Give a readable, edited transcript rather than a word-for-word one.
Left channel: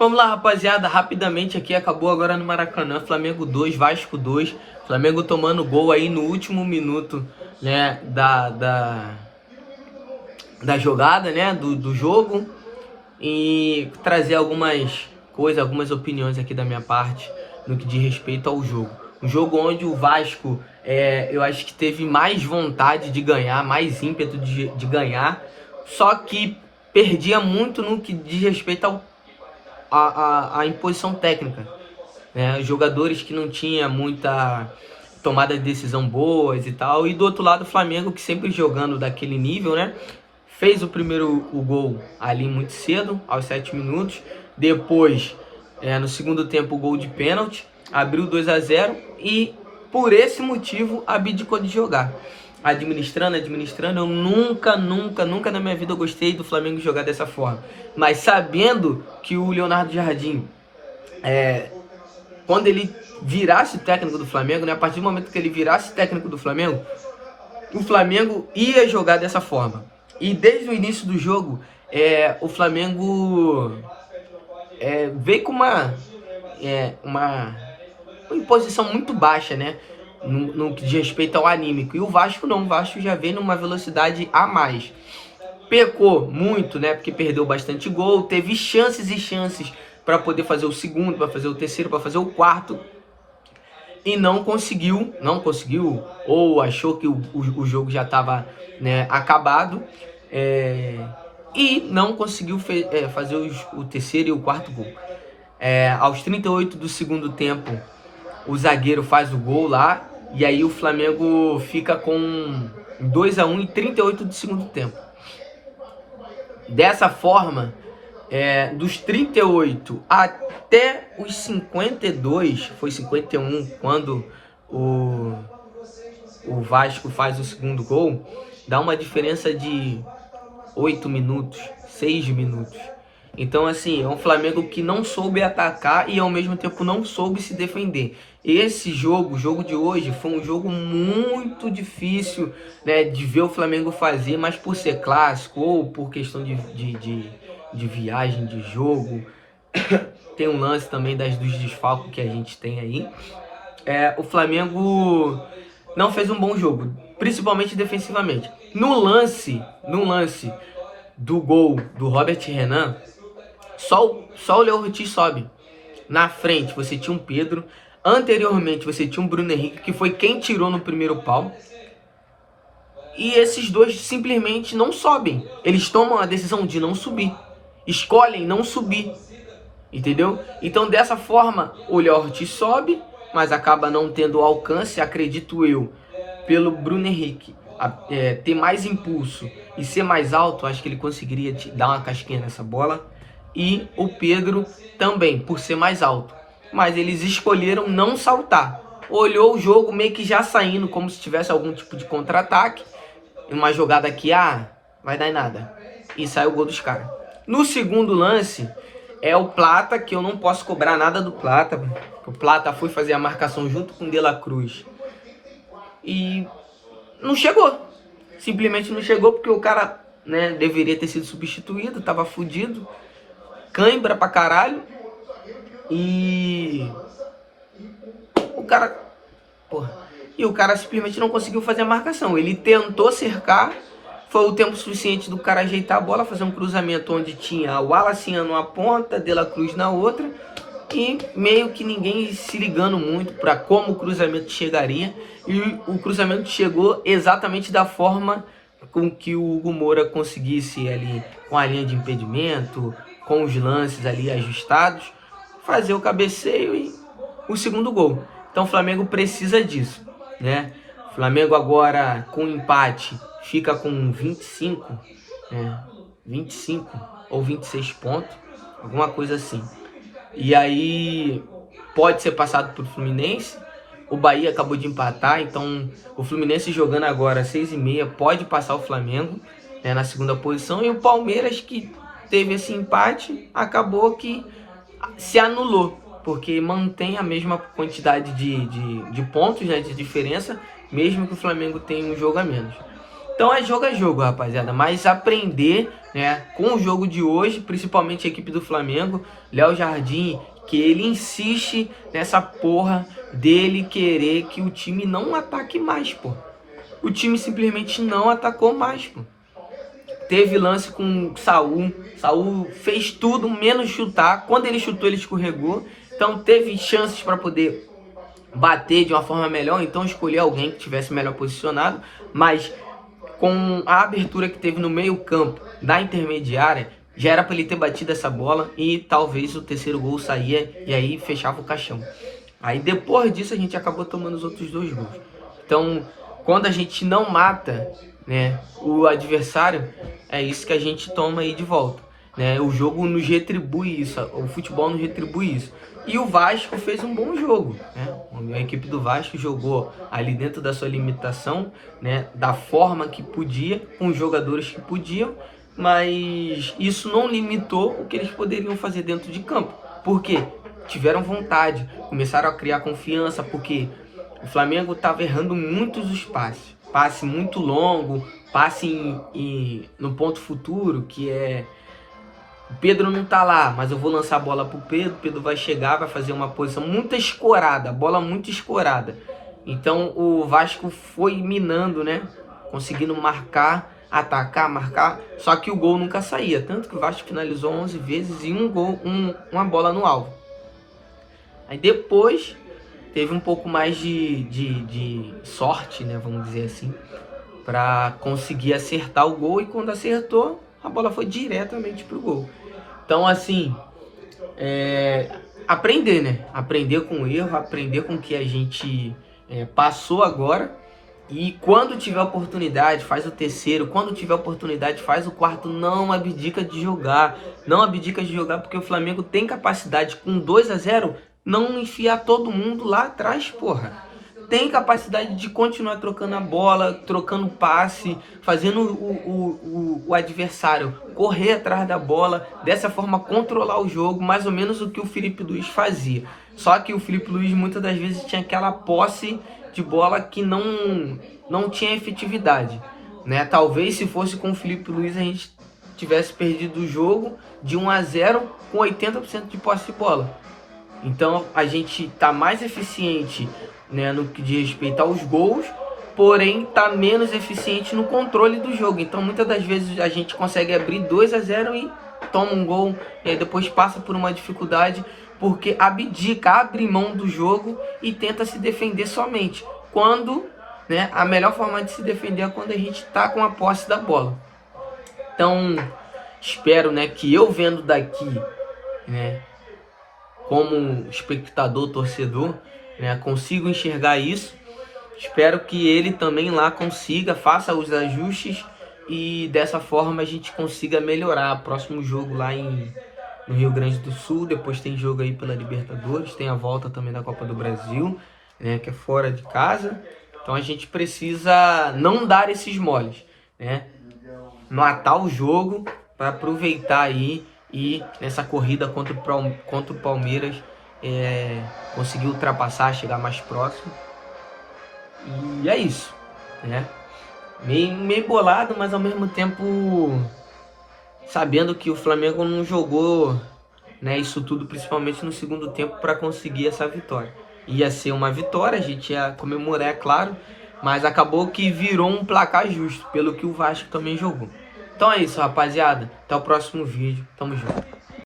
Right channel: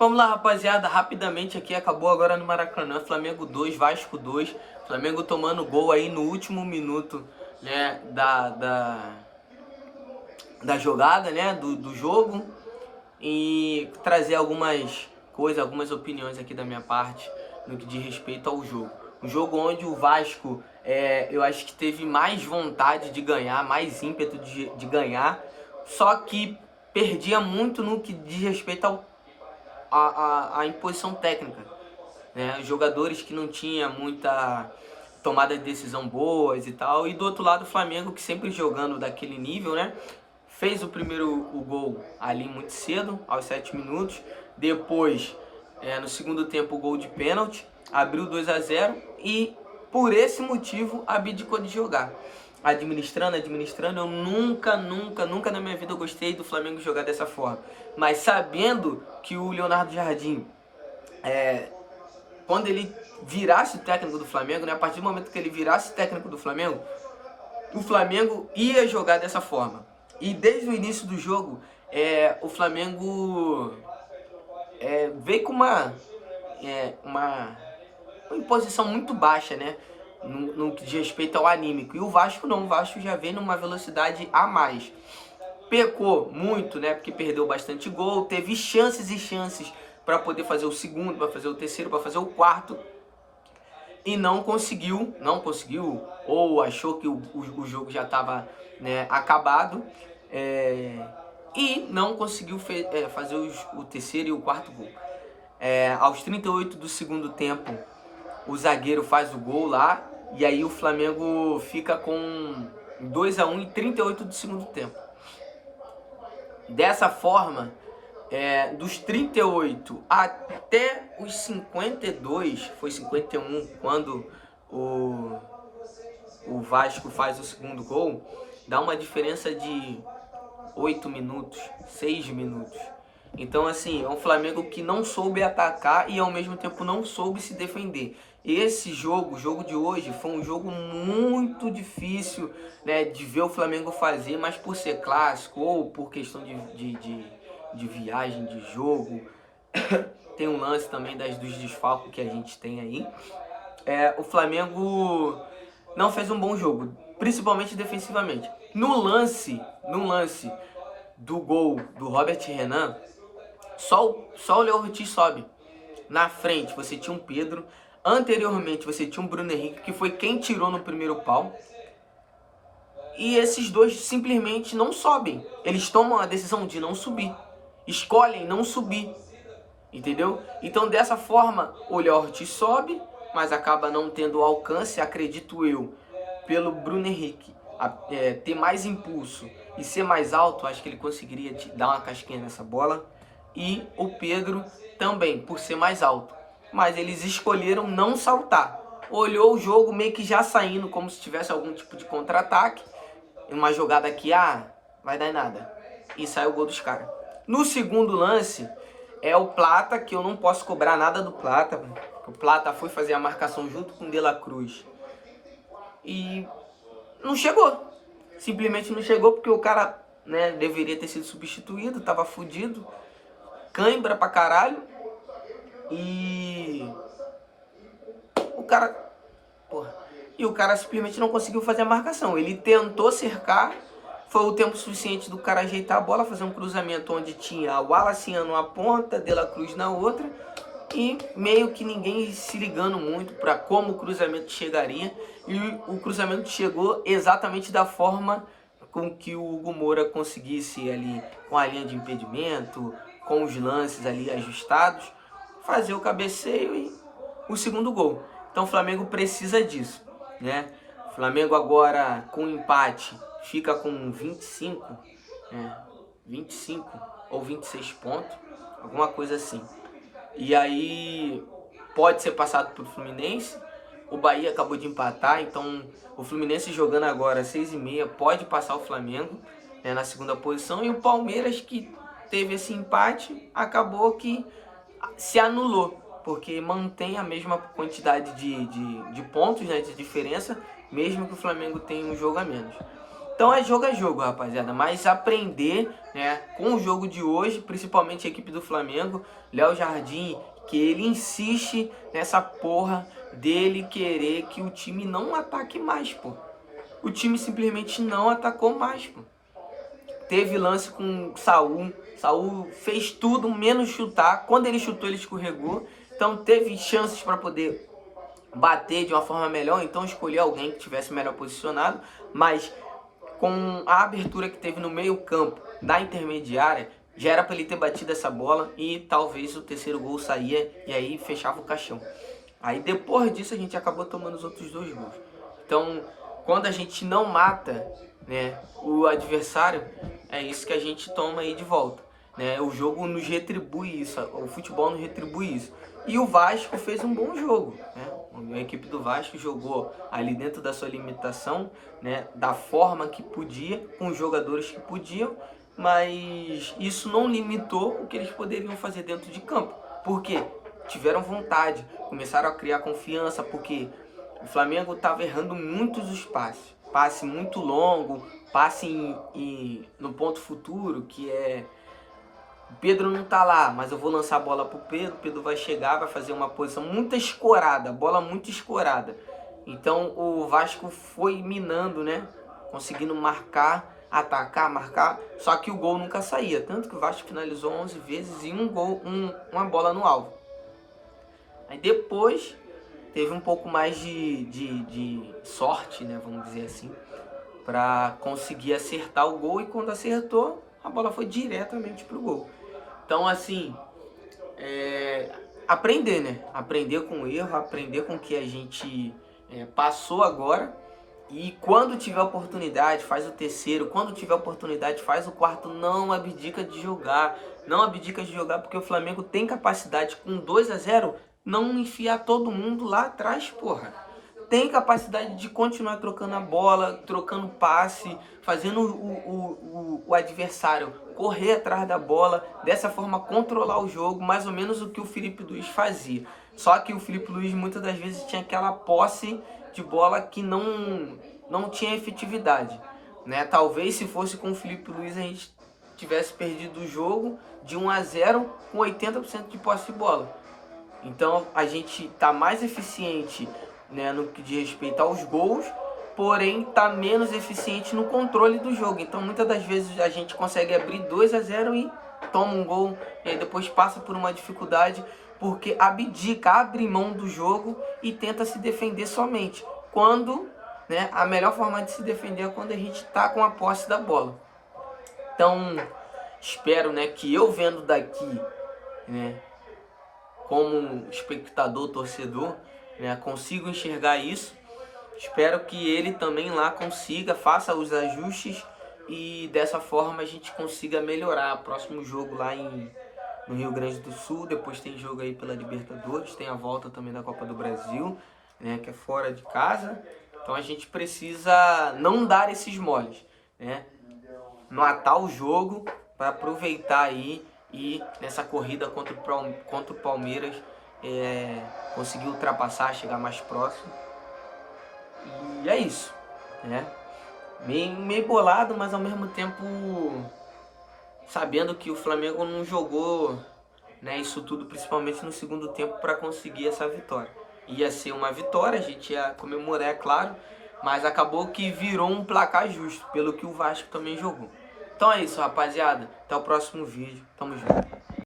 Vamos lá, rapaziada, rapidamente aqui, acabou agora no Maracanã, Flamengo 2, Vasco 2, Flamengo tomando gol aí no último minuto, né, da jogada, né, do jogo, e trazer algumas coisas, algumas opiniões aqui da minha parte no que diz respeito ao jogo. Um jogo onde o Vasco, eu acho que teve mais vontade de ganhar, mais ímpeto de ganhar, só que perdia muito no que diz respeito à imposição técnica, né? Jogadores que não tinha muita tomada de decisão boas e tal. E do outro lado o Flamengo, que sempre jogando daquele nível, né? Fez o gol ali muito cedo, aos 7 minutos. Depois, no segundo tempo, o gol de pênalti. Abriu 2-0 e por esse motivo abdicou de jogar. Administrando, eu nunca na minha vida gostei do Flamengo jogar dessa forma. Mas sabendo que o Leonardo Jardim, quando ele virasse técnico do Flamengo, né, a partir do momento que ele virasse técnico do Flamengo, o Flamengo ia jogar dessa forma. E desde o início do jogo, o Flamengo veio com uma imposição muito baixa, né? No que diz respeito ao anímico. E o Vasco não, o Vasco já veio numa velocidade a mais. Pecou muito, né? Porque perdeu bastante gol, teve chances e chances para poder fazer o segundo, para fazer o terceiro, para fazer o quarto. E não conseguiu, ou achou que o jogo já estava, né, acabado. E não conseguiu fazer o terceiro e o quarto gol. Aos 38 do segundo tempo, o zagueiro faz o gol lá. E aí o Flamengo fica com 2-1 em 38 do segundo tempo. Dessa forma, dos 38 até os 52, foi 51 quando o Vasco faz o segundo gol, dá uma diferença de 8 minutos, 6 minutos. Então, assim, é um Flamengo que não soube atacar e ao mesmo tempo não soube se defender. Esse jogo, o jogo de hoje, foi um jogo muito difícil, né, de ver o Flamengo fazer, mas por ser clássico ou por questão de viagem, de jogo, tem um lance também dos desfalques que a gente tem aí. O Flamengo não fez um bom jogo, principalmente defensivamente. No lance do gol do Robert Renan, só o Léo Ortiz sobe. Na frente você tinha um Pedro. Anteriormente você tinha um Bruno Henrique, que foi quem tirou no primeiro pau. E esses dois simplesmente não sobem. Eles tomam a decisão de não subir. Escolhem não subir. Entendeu? Então dessa forma o Léo Ortiz sobe, mas acaba não tendo alcance, acredito eu, pelo Bruno Henrique ter mais impulso e ser mais alto. Acho que ele conseguiria dar uma casquinha nessa bola. E o Pedro também, por ser mais alto. Mas eles escolheram não saltar. Olhou o jogo meio que já saindo, como se tivesse algum tipo de contra-ataque. Uma jogada aqui, vai dar em nada. E sai o gol dos caras. No segundo lance, é o Plata, que eu não posso cobrar nada do Plata. O Plata foi fazer a marcação junto com o De La Cruz. E não chegou. Simplesmente não chegou porque o cara, né, deveria ter sido substituído, tava fudido. Cãibra pra caralho. E o cara simplesmente não conseguiu fazer a marcação. Ele tentou cercar, foi o tempo suficiente do cara ajeitar a bola, fazer um cruzamento onde tinha o Wallace numa ponta, De La Cruz na outra, e meio que ninguém se ligando muito para como o cruzamento chegaria. E o cruzamento chegou exatamente da forma com que o Hugo Moura conseguisse ali, com a linha de impedimento, com os lances ali ajustados, fazer o cabeceio e o segundo gol. Então o Flamengo precisa disso, né? O Flamengo agora com empate fica com 25 ou 26 pontos, alguma coisa assim. E aí pode ser passado por Fluminense. O Bahia acabou de empatar, então o Fluminense jogando agora 6h30 pode passar o Flamengo, né, na segunda posição. E o Palmeiras, que teve esse empate, acabou que se anulou, porque mantém a mesma quantidade de pontos, né, de diferença, mesmo que o Flamengo tenha um jogo a menos. Então é jogo, rapaziada. Mas aprender, né, com o jogo de hoje, principalmente a equipe do Flamengo, Léo Jardim, que ele insiste nessa porra dele querer que o time não ataque mais, pô. O time simplesmente não atacou mais, pô. Teve lance com Saul. Saul fez tudo menos chutar. Quando ele chutou, ele escorregou. Então teve chances para poder bater de uma forma melhor. Então escolher alguém que tivesse melhor posicionado. Mas com a abertura que teve no meio campo da intermediária, já era para ele ter batido essa bola. E talvez o terceiro gol saía e aí fechava o caixão. Aí depois disso a gente acabou tomando os outros 2 gols. Então quando a gente não mata, né, o adversário, é isso que a gente toma aí de volta, né? O jogo nos retribui isso, o futebol nos retribui isso. E o Vasco fez um bom jogo, né? A equipe do Vasco jogou ali dentro da sua limitação, né, da forma que podia, com os jogadores que podiam, mas isso não limitou o que eles poderiam fazer dentro de campo. Por quê? Tiveram vontade, começaram a criar confiança, porque o Flamengo estava errando muitos os passes. Passe muito longo, passe no ponto futuro, que é... O Pedro não tá lá, mas eu vou lançar a bola pro Pedro, o Pedro vai chegar, vai fazer uma posição muito escorada, bola muito escorada. Então o Vasco foi minando, né? Conseguindo marcar, atacar, marcar, só que o gol nunca saía. Tanto que o Vasco finalizou 11 vezes e uma bola no alvo. Aí depois teve um pouco mais de sorte, né, vamos dizer assim, para conseguir acertar o gol. E quando acertou, a bola foi diretamente pro gol. Então, assim, aprender, né? Aprender com o erro, aprender com o que a gente passou agora. E quando tiver oportunidade, faz o terceiro. Quando tiver oportunidade, faz o quarto. Não abdica de jogar. Não abdica de jogar, porque o Flamengo tem capacidade, com 2-0, não enfiar todo mundo lá atrás, porra. Tem capacidade de continuar trocando a bola, trocando passe, fazendo o adversário correr atrás da bola, dessa forma controlar o jogo, mais ou menos o que o Filipe Luís fazia. Só que o Filipe Luís muitas das vezes tinha aquela posse de bola que não tinha efetividade, né? Talvez se fosse com o Filipe Luís a gente tivesse perdido o jogo de 1-0 com 80% de posse de bola. Então a gente tá mais eficiente, né, no que diz respeito aos gols, porém tá menos eficiente no controle do jogo. Então muitas das vezes a gente consegue abrir 2-0 e toma um gol, e aí depois passa por uma dificuldade, porque abdica, abre mão do jogo e tenta se defender somente. Quando, né, a melhor forma de se defender é quando a gente tá com a posse da bola. Então espero, né, que eu vendo daqui, né, como espectador, torcedor, né, consigo enxergar isso. Espero que ele também lá consiga, faça os ajustes e dessa forma a gente consiga melhorar. Próximo jogo lá no Rio Grande do Sul, depois tem jogo aí pela Libertadores, tem a volta também da Copa do Brasil, né, que é fora de casa. Então a gente precisa não dar esses moles, né, matar o jogo para aproveitar aí e nessa corrida contra o Palmeiras conseguir ultrapassar, chegar mais próximo. E é isso, né? Meio bolado, mas ao mesmo tempo sabendo que o Flamengo não jogou, né, isso tudo, principalmente no segundo tempo, para conseguir essa vitória. Ia ser uma vitória, a gente ia comemorar, é claro, mas acabou que virou um placar justo, pelo que o Vasco também jogou. Então é isso, rapaziada. Até o próximo vídeo. Tamo junto.